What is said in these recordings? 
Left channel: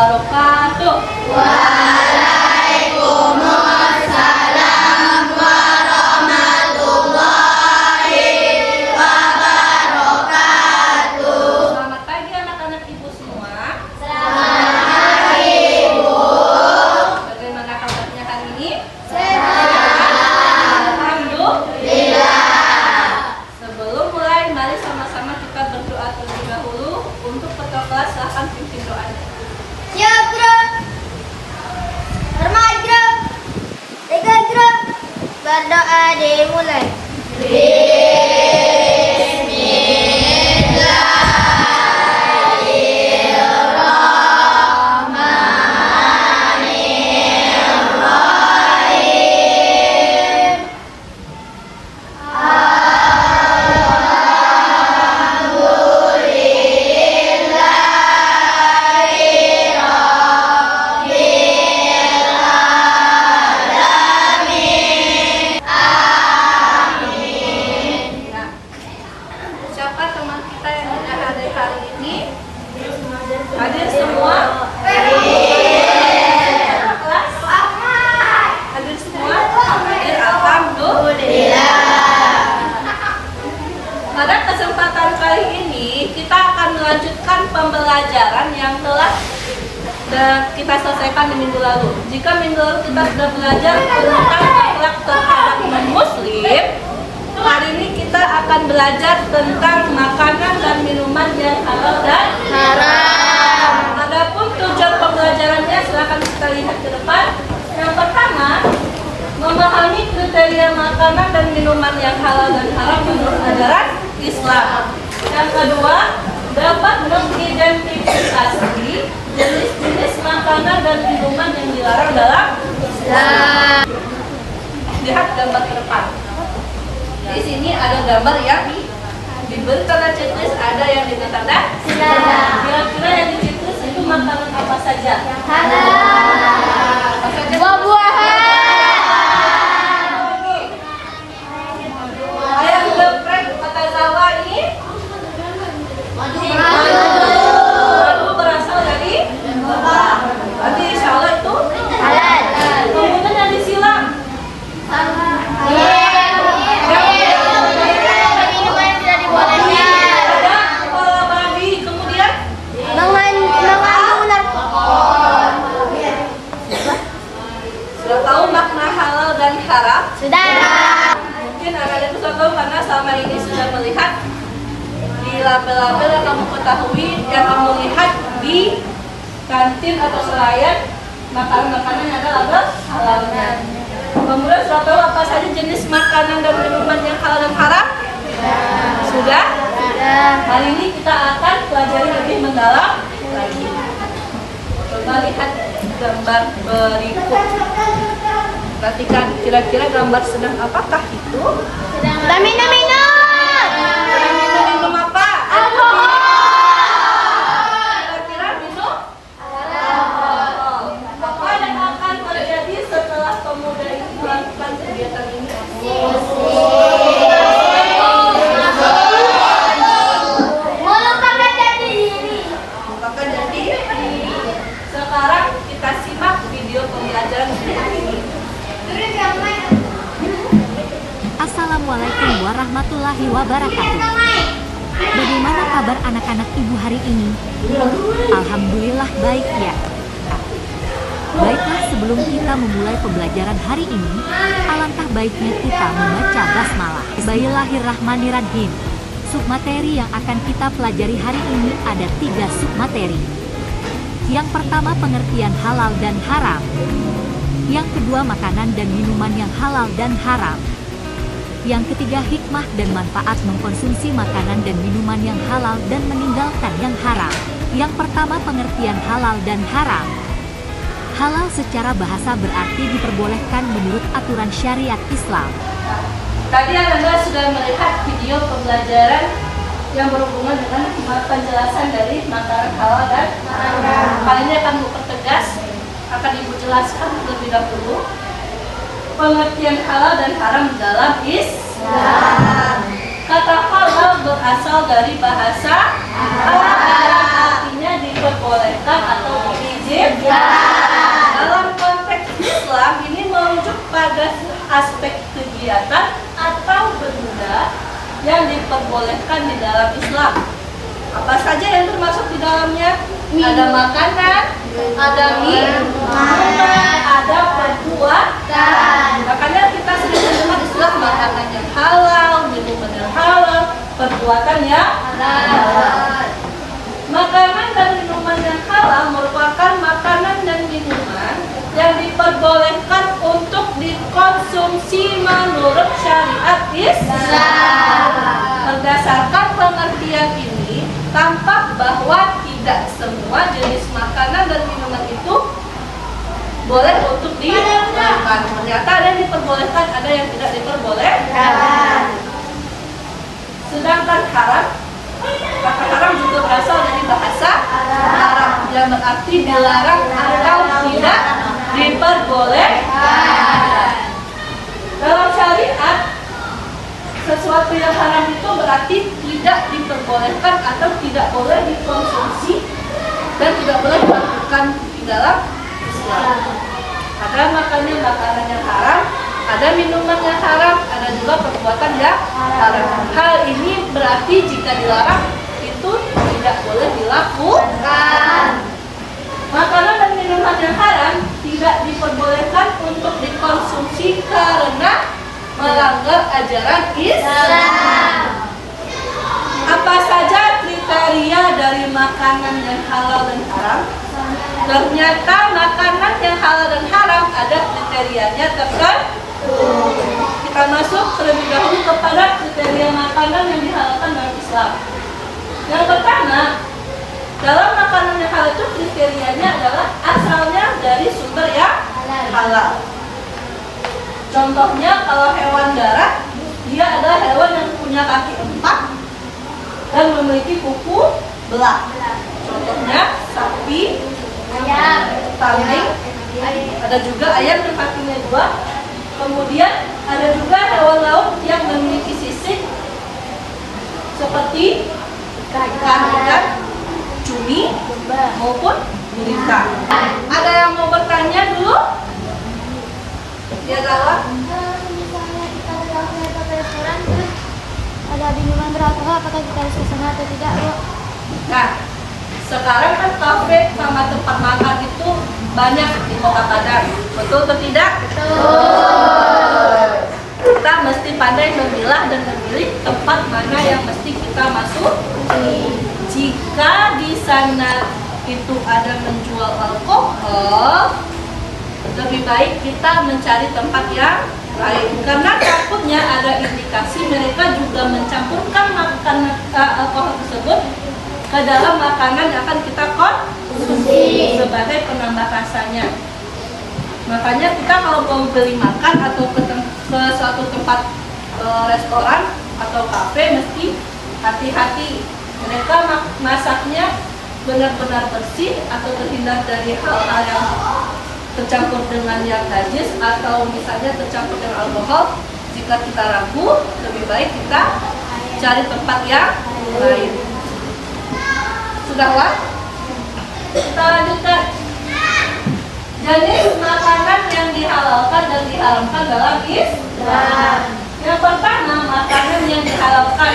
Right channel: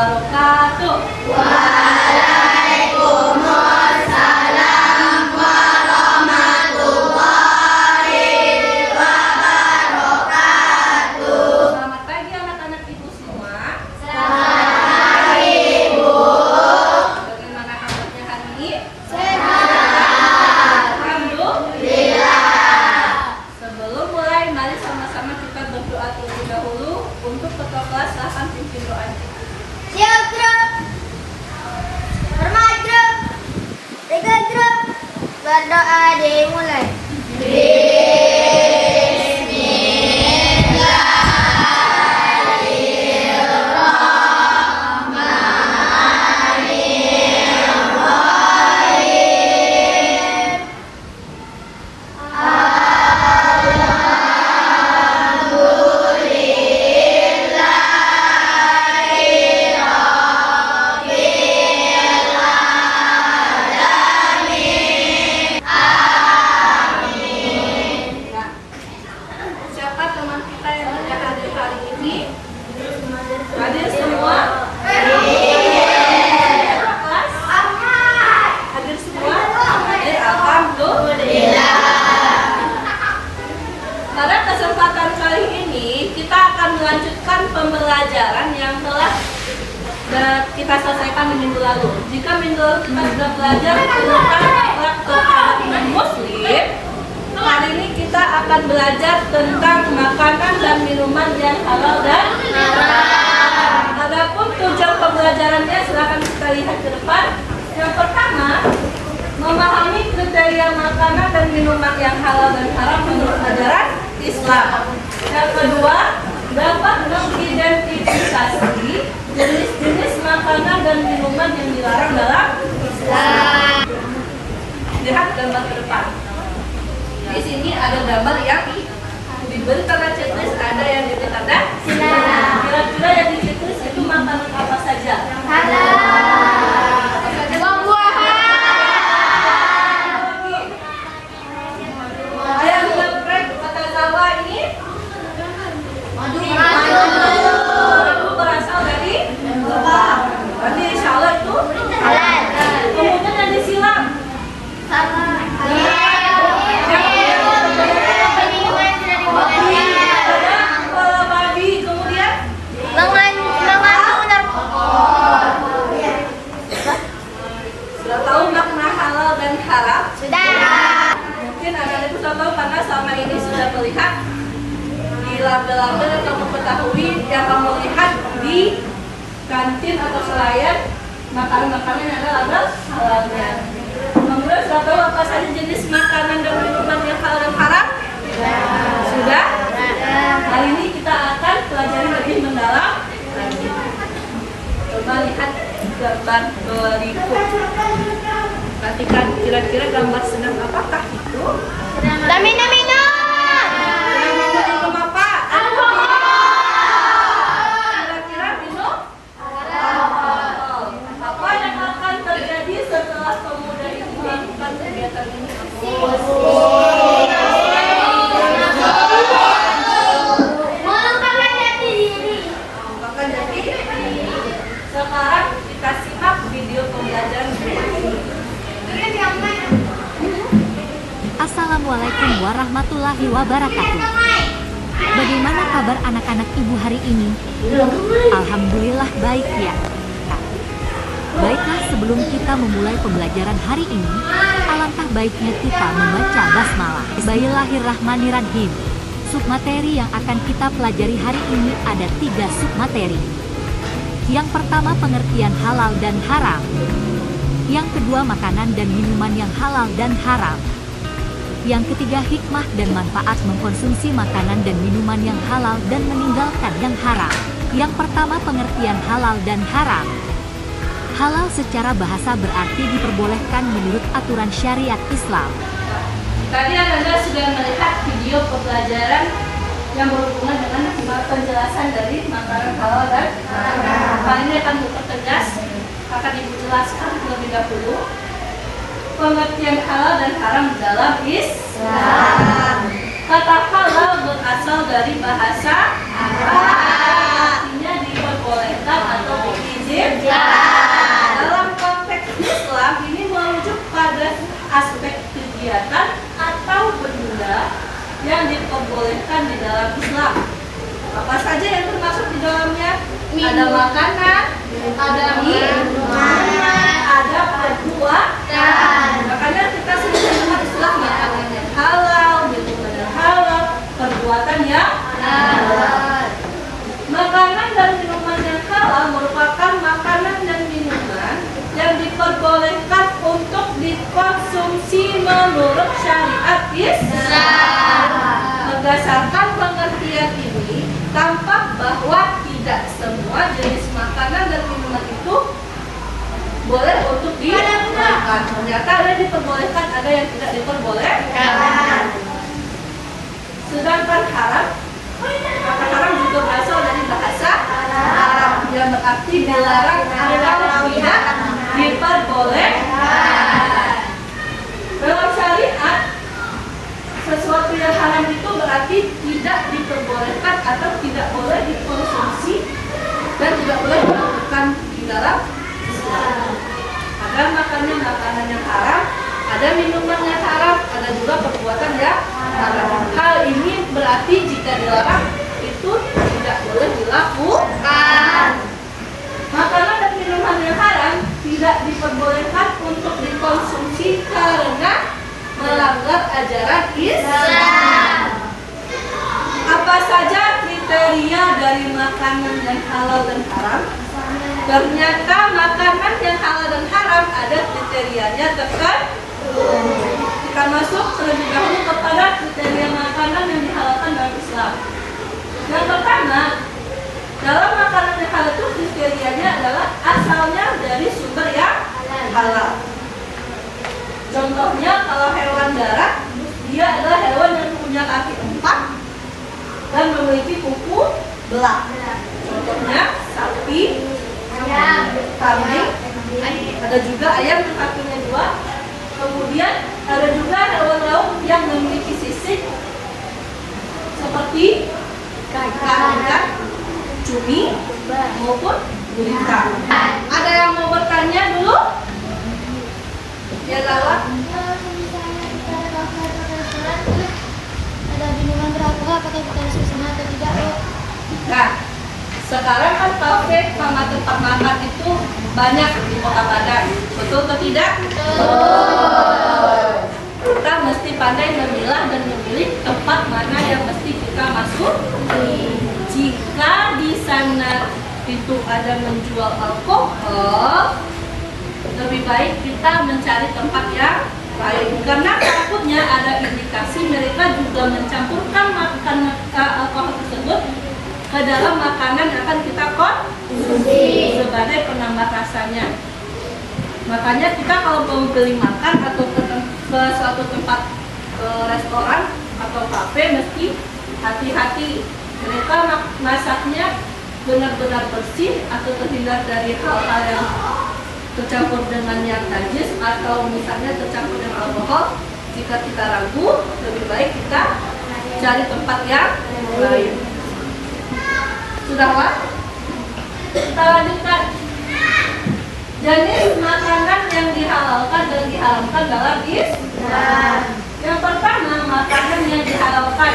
wabarakatuh. Waalaikumsalam warahmatullahi wabarakatuh. Selamat pagi anak-anak ibu semua. Selamat pagi, Bu. Bagaimana kabarnya hari ini? Sehat. Alhamdulillah. Sebelum mulai, mari sama-sama kita berdoa terlebih dahulu. Untuk ketua kelas, silahkan pimpin doanya. Siap, Grum. Hormat, Grum. Tiga, Grum. Berdoa dimulai. Nah, siapa teman kita yang tidak hadir hari ini? Hadir semua? Ketua kelas? Hadir semua? Hadir, alhamdulillah. Pada kesempatan kali ini kita akan melanjutkan pembelajaran yang telah kita selesaikan di minggu lalu. Jika minggu lalu kita sudah belajar tentang akhlak terhadap non-muslim, hari ini kita akan belajar tentang makanan dan minuman yang halal dan haram. Adapun tujuan pembelajarannya silakan kita lihat ke depan. Yang pertama, memahami kriteria makanan dan minuman yang halal dan haram menurut ajaran Islam. Yang kedua, dapat mengidentifikasi jenis-jenis makanan dan minuman yang dilarang dalam Islam. Lihat gambar ke depan. Di sini ada gambar yang diberi tanda checklist, ada yang diberi tanda silang. Kira-kira yang di checklist itu makanan apa saja? Apa saja? Ayam geprek kata Jawa ini madu berasal dari berarti insya Allah itu kemudian yang disilam ada kepala babi, kemudian sudah tahu makna halal dan haram? Mungkin anak-anak sudah tahu karena selama ini sudah melihat di label-label yang kamu ketahui, yang kamu lihat di kantin atau selayan makanan-makanan yang ada label halalnya. Kemudian sudah tahu apa saja jenis makanan dan minuman yang halal dan haram? Sudah? Hari ini kita akan pelajari lebih mendalam lagi. Coba lihat gambar berikut. Perhatikan kira-kira gambar sedang apakah itu? Sedang minum apa? Kira-kira minum alkohol. Apa yang akan terjadi setelah pemuda itu melakukan kegiatan ini? Melupakan diri. Sekarang kita simak video pembelajaran berikut ini. Assalamualaikum warahmatullahi wabarakatuh. Bagaimana kabar anak-anak ibu hari ini? Alhamdulillah baik ya. Baiklah, sebelum kita memulai pembelajaran hari ini, alangkah baiknya kita membaca basmalah. Bismillahirrahmanirrahim. Submateri yang akan kita pelajari hari ini ada 3 submateri. Yang pertama, pengertian halal dan haram. Yang kedua, makanan dan minuman yang halal dan haram. Yang ketiga, hikmah dan manfaat mengkonsumsi makanan dan minuman yang halal dan meninggalkan yang haram. Yang pertama, pengertian halal dan haram. Halal secara bahasa berarti diperbolehkan menurut aturan syariat Islam. Tadi anak-anak sudah melihat video pembelajaran yang berhubungan dengan penjelasan dari makanan halal dan haram. Kali ini akan dipertegas, akan ibu jelaskan terlebih dahulu pengertian halal dan haram dalam Islam. Kata halal berasal dari bahasa Arab, artinya diperbolehkan atau diizinkan. Him? Dalam konteks Islam ini merujuk pada aspek kegiatan atau benda yang diperbolehkan di dalam Islam. Apa saja yang termasuk di dalamnya? Ada makanan, ada minuman, ada perbuatan. Makanya kita sering mendengar istilah makanan yang halal, minuman yang halal, perbuatan yang halal. Makanan dan minuman yang halal merupakan makanan dan minuman yang diperbolehkan untuk dikonsumsi menurut syariat Islam. Berdasarkan pengertian ini, tampak bahwa tidak semua jenis makanan dan minuman itu boleh untuk dimakan. Ternyata ada yang diperbolehkan, ada yang tidak diperbolehkan. Sedangkan haram, kata haram juga berasal dari bahasa Arab yang berarti dilarang atau tidak diperbolehkan. Dalam syariat, sesuatu yang haram itu berarti tidak diperbolehkan atau tidak boleh dikonsumsi dan tidak boleh dilakukan di dalam Islam. Ada makanan yang haram, ada minuman yang haram, ada juga perbuatan yang haram. Hal ini berarti jika dilarang itu tidak boleh dilakukan. Makanan dan minuman yang haram tidak diperbolehkan untuk dikonsumsi karena melanggar ajaran Islam. Apa saja kriteria dari makanan yang halal dan haram? Ternyata makanan yang halal dan haram ada kriterianya tertentu. Kita masuk terlebih dahulu kepada kriteria makanan yang dihalalkan dalam Islam. Yang pertama, dalam makanan yang halal itu kriterianya adalah asalnya dari sumber yang halal. Contohnya kalau hewan darat, dia adalah hewan yang punya kaki 4 dan memiliki kuku belah. Contohnya sapi, kambing, ada juga ayam yang kakinya 2. Kemudian ada juga hewan laut yang memiliki sisik seperti ikan, cumi maupun gurita. Ada yang mau bertanya dulu? Ya, Lala. Misalnya kita ke kafe atau ke restoran terus ada minuman beralkohol, apakah kita harus ke sana atau tidak, Bu? Nah, sekarang kan kafe sama tempat makan itu banyak di Kota Padang. Betul atau tidak? Betul. Kita mesti pandai memilah dan memilih tempat mana yang mesti kita masuk. Jika di sana itu ada menjual alkohol, lebih baik kita mencari tempat yang lain, karena takutnya ada indikasi mereka juga mencampurkan makanan alkohol tersebut ke dalam makanan yang akan kita konsumsi sebagai penambah rasanya. Makanya kita kalau mau beli makan atau ke suatu tempat restoran atau kafe mesti hati-hati. Mereka masaknya benar-benar bersih atau terhindar dari hal-hal yang tercampur dengan yang najis atau misalnya tercampur dengan alkohol. Jika kita ragu, lebih baik kita cari tempat yang lain. Sudah, Wak? Kita lanjutkan. Jenis makanan yang dihalalkan dan diharamkan dalam Islam. Yang pertama, makanan yang dihalalkan.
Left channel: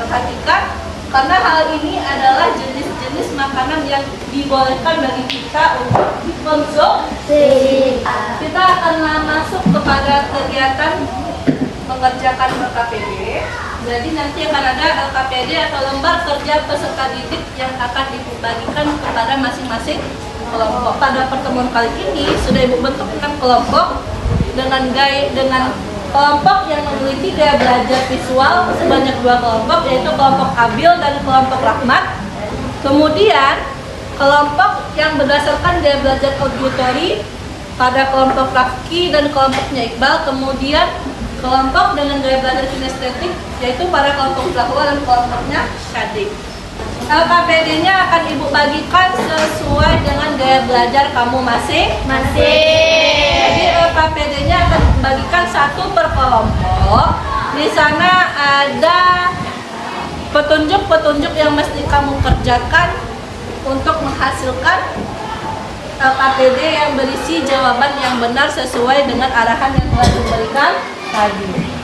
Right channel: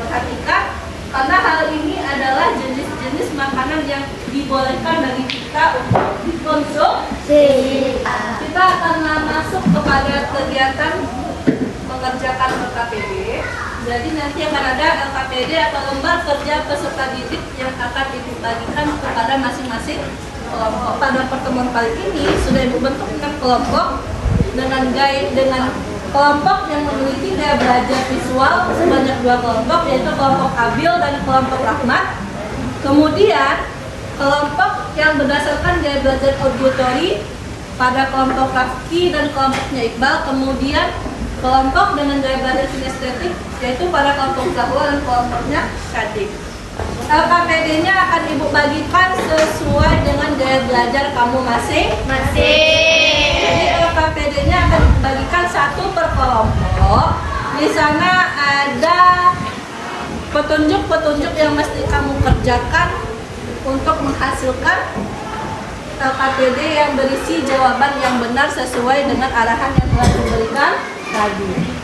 Perhatikan, karena hal ini adalah jenis-jenis makanan yang dibolehkan bagi kita untuk dikonsumsi. Kita akan masuk kepada kegiatan mengerjakan LKPD. Jadi nanti akan ada LKPD atau lembar kerja peserta didik yang akan dibagikan kepada masing-masing kelompok. Pada pertemuan kali ini sudah Ibu bentuk 6 kelompok dengan kelompok yang memiliki gaya belajar visual sebanyak 2 kelompok, yaitu kelompok Abil dan kelompok Rahmat. Kemudian kelompok yang berdasarkan gaya belajar auditory pada kelompok Rafki dan kelompoknya Iqbal. Kemudian kelompok dengan gaya belajar kinestetik yaitu pada kelompok Zahwa dan kelompoknya Syadik. LKPD-nya akan Ibu bagikan sesuai dengan gaya belajar kamu masing-masing. Jadi LKPD-nya akan dibagikan 1 per kelompok. Di sana ada petunjuk-petunjuk yang mesti kamu kerjakan untuk menghasilkan LKPD yang berisi jawaban yang benar sesuai dengan arahan yang telah diberikan tadi.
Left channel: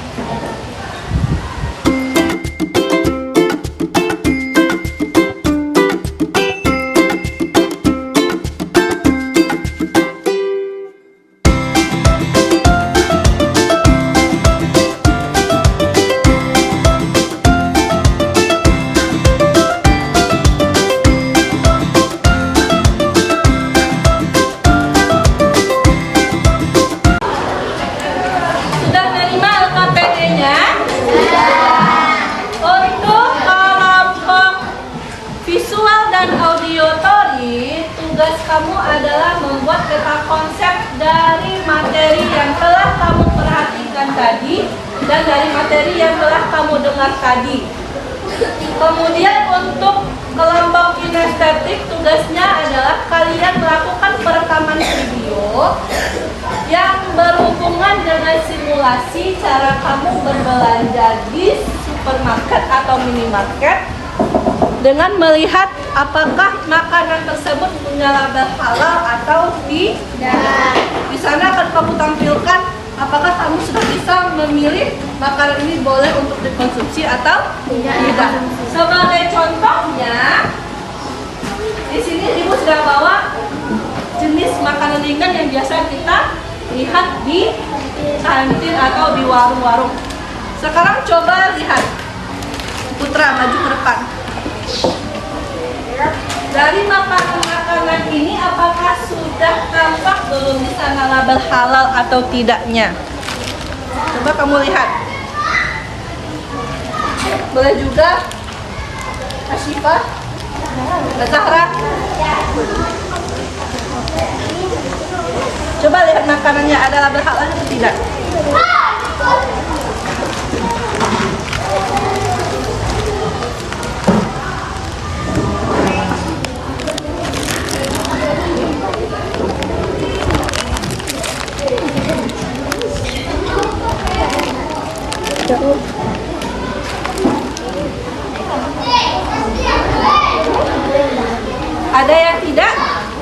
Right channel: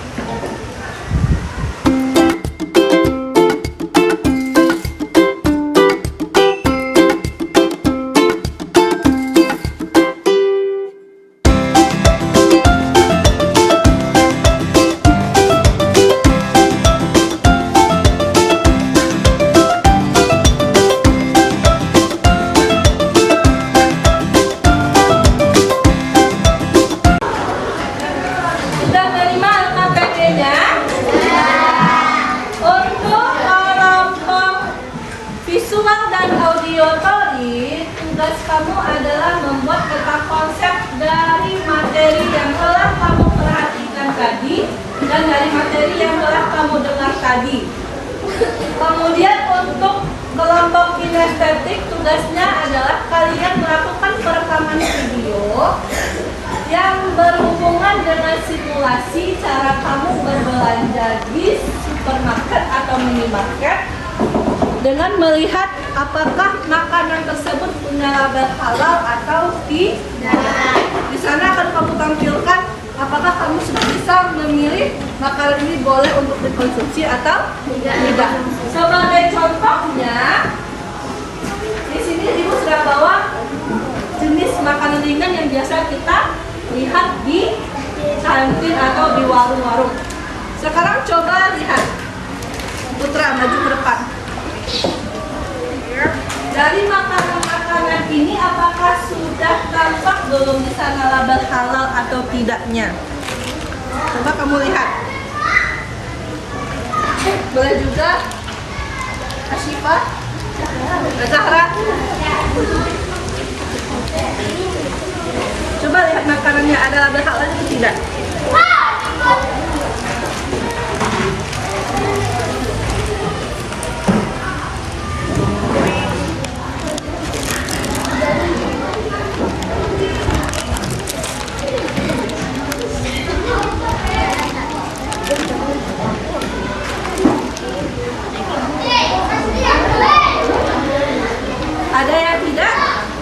Sudah terima LKPD-nya? Untuk kelompok visual dan auditory, tugas kamu adalah membuat peta konsep dari materi yang telah kamu perhatikan tadi dan dari materi yang telah kamu dengar tadi. Kemudian untuk kelompok kinestetik, tugasnya adalah kalian melakukan perekaman video yang berhubungan dengan simulasi cara kamu berbelanja di supermarket atau minimarket dengan melihat apakah makanan tersebut punya label halal atau tidak. Di sana akan kamu tampilkan apakah kamu sudah bisa memilih makanan ini boleh untuk dikonsumsi atau tidak. Sebagai contohnya, di sini ibu sudah bawa jenis makanan ringan yang biasa kita lihat di kantin atau di warung-warung. Sekarang coba lihat, Putra maju ke depan. Dari makanan-makanan ini apakah sudah tampak belum di sana label halal atau tidaknya? Coba kamu lihat. Boleh juga Asyifa, Zahra. Coba lihat makanannya ada label halal atau tidak. Ada yang tidak?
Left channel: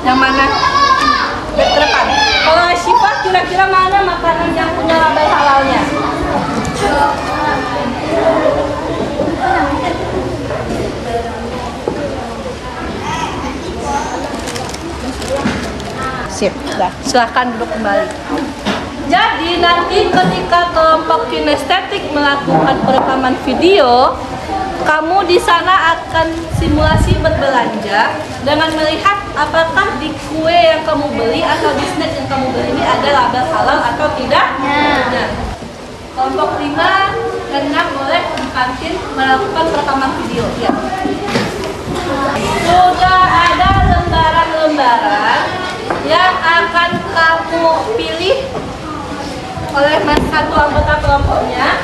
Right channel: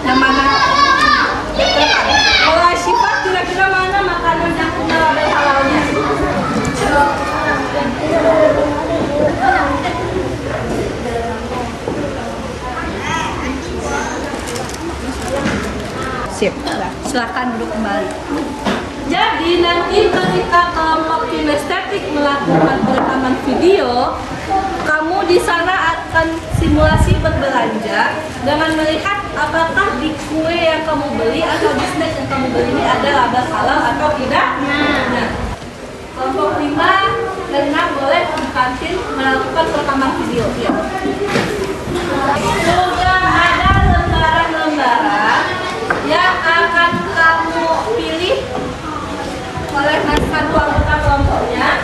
Yang mana? Depan. Kalau Syifa kira-kira mana makanan yang punya label halalnya? Sip. Silahkan duduk kembali. Jadi nanti ketika kelompok kinestetik melakukan perekaman video, kamu di sana akan simulasi berbelanja dengan melihat apakah di kue yang kamu beli atau di snack yang kamu beli ini ada label halal atau tidak. Nah, kelompok 5 dan 6 boleh di kantin melakukan perekaman video. Ya. Juga ada lembaran-lembaran yang akan kamu pilih oleh satu anggota kelompoknya.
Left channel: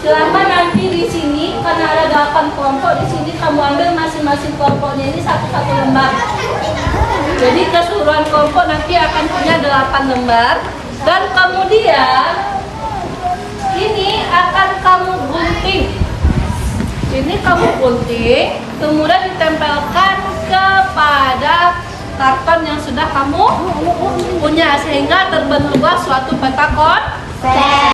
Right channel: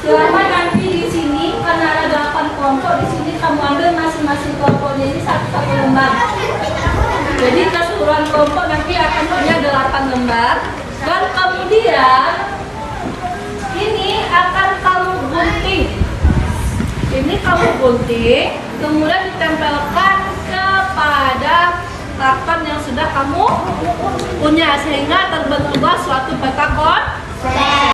Selama nanti di sini karena ada 8 kelompok, di sini kamu ambil masing-masing kelompoknya ini satu-satu lembar. Jadi keseluruhan kelompok nanti akan punya 8 lembar dan kemudian ini akan kamu gunting. Ini kamu gunting, kemudian ditempelkan kepada karton yang sudah kamu punya sehingga terbentuklah suatu peta konsep.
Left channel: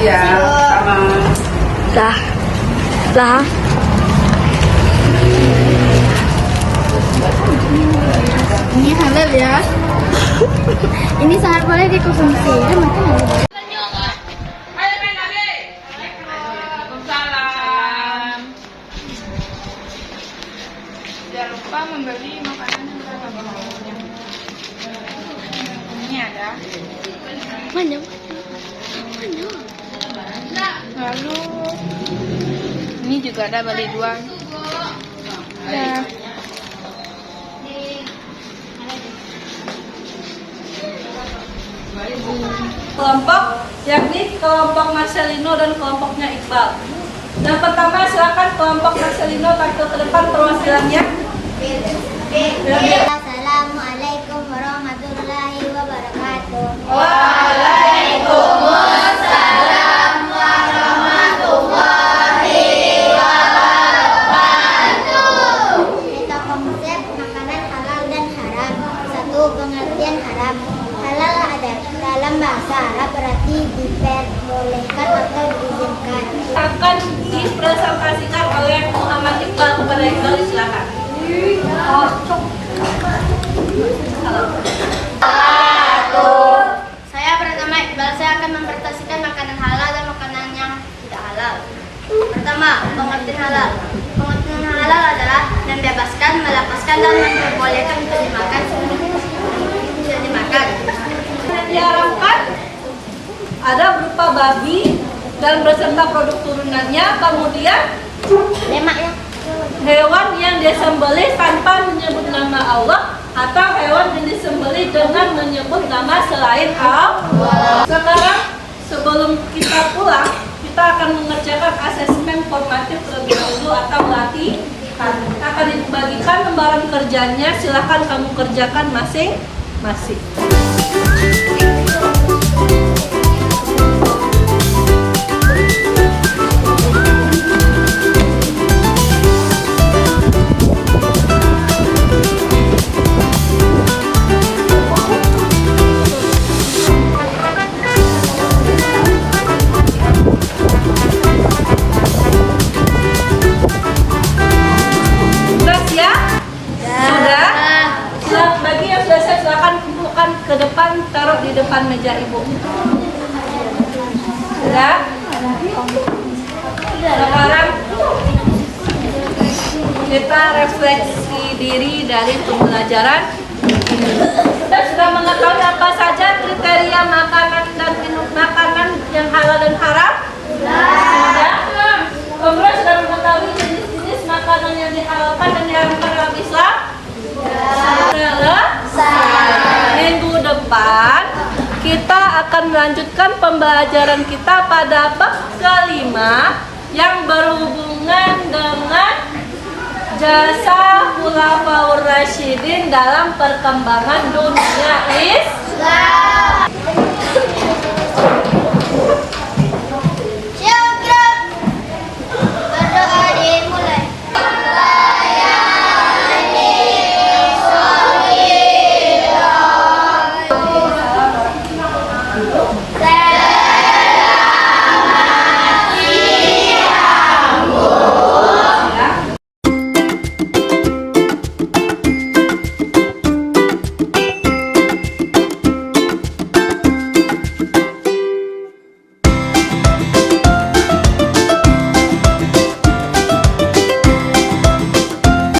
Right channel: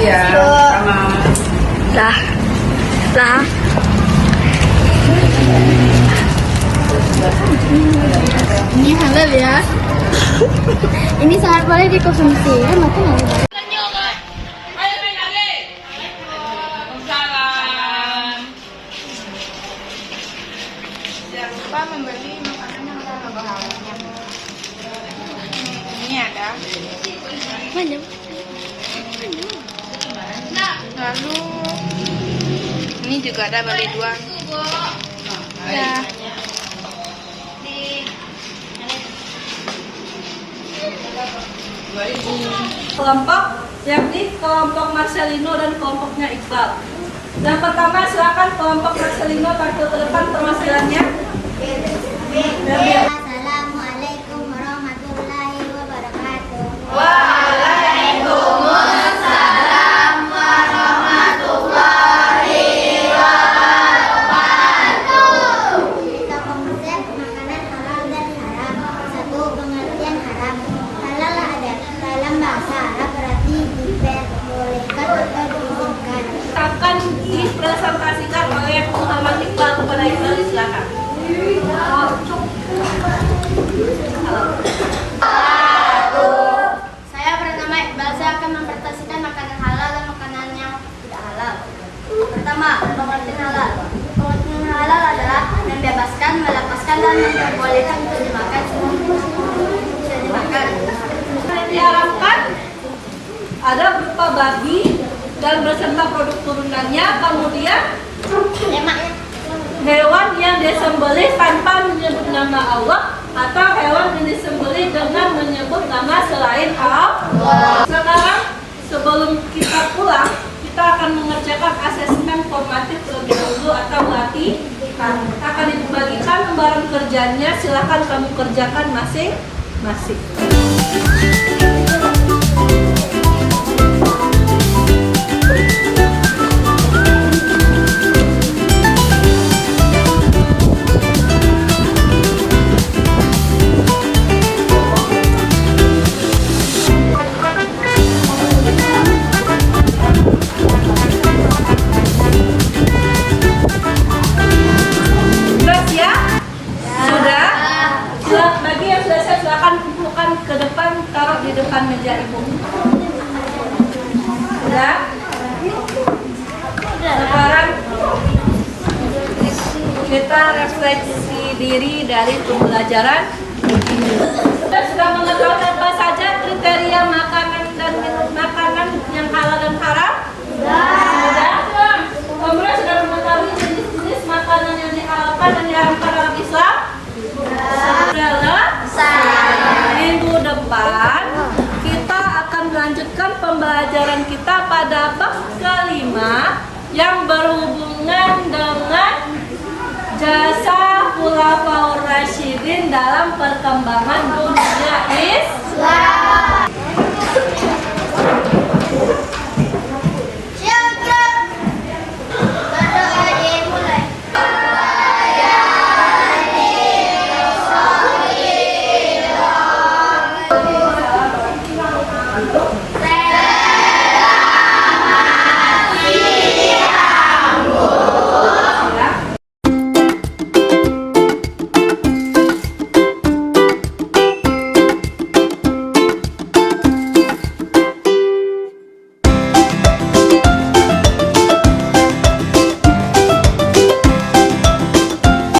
Siap. Dah. Dah. Ini halal ya. Ini sangat boleh dikonsumsi. Kan makan halal. Jangan lupa membeli makanan yang tanpa bahannya. Ini ada. Banyak. Lalu ini juga ada beli dua. Ya. Kelompok yakni kelompok Marcelino dan kelompoknya Iqbal. Yang pertama silakan kelompok Marcelino tampil ke depan perwakilannya. Assalamualaikum warahmatullahi wabarakatuh. Kita konsep makanan halal dan haram. Satu, pengertian haram. Halal ada dalam bahasa Arab berarti diperbolehkan atau diizinkan. Akan dipresentasikan oleh Muhammad Iqbal kepada Iqbal, silakan. Saya bernama Iqbal. Saya akan mempresentasikan makanan halal dan makanan yang tidak halal. Pertama, pengertian halal. Pengertian halal adalah membebaskan, melepaskan dan memperbolehkan untuk dimakan. Bisa dimakan. Yang diharapkan ada berupa babi dan beserta produk turunannya, kemudian Lemaknya. hewan yang disembelih tanpa menyebut nama Allah atau hewan yang disembelih dengan menyebut nama selain Allah. Sekarang sebelum kita pulang, kita akan mengerjakan asesmen formatif terlebih dahulu atau latihan. Akan dibagikan lembaran kerjanya, silahkan kamu kerjakan masing-masing. Ke depan, taruh di depan meja ibu. Sudah? Sekarang kita refleksi diri dari pembelajaran ini. Kita sudah mengetahui apa saja kriteria makanan dan minum makanan yang halal dan haram? Sudah? Kemudian sudah mengetahui jenis-jenis makanan yang dihalalkan dan diharamkan dalam Islam? Minggu depan kita akan melanjutkan pembelajaran kita pada bab kelima yang berhubungan dengan jasa Khulafaur Rasyidin dalam perkembangan dunia Islam.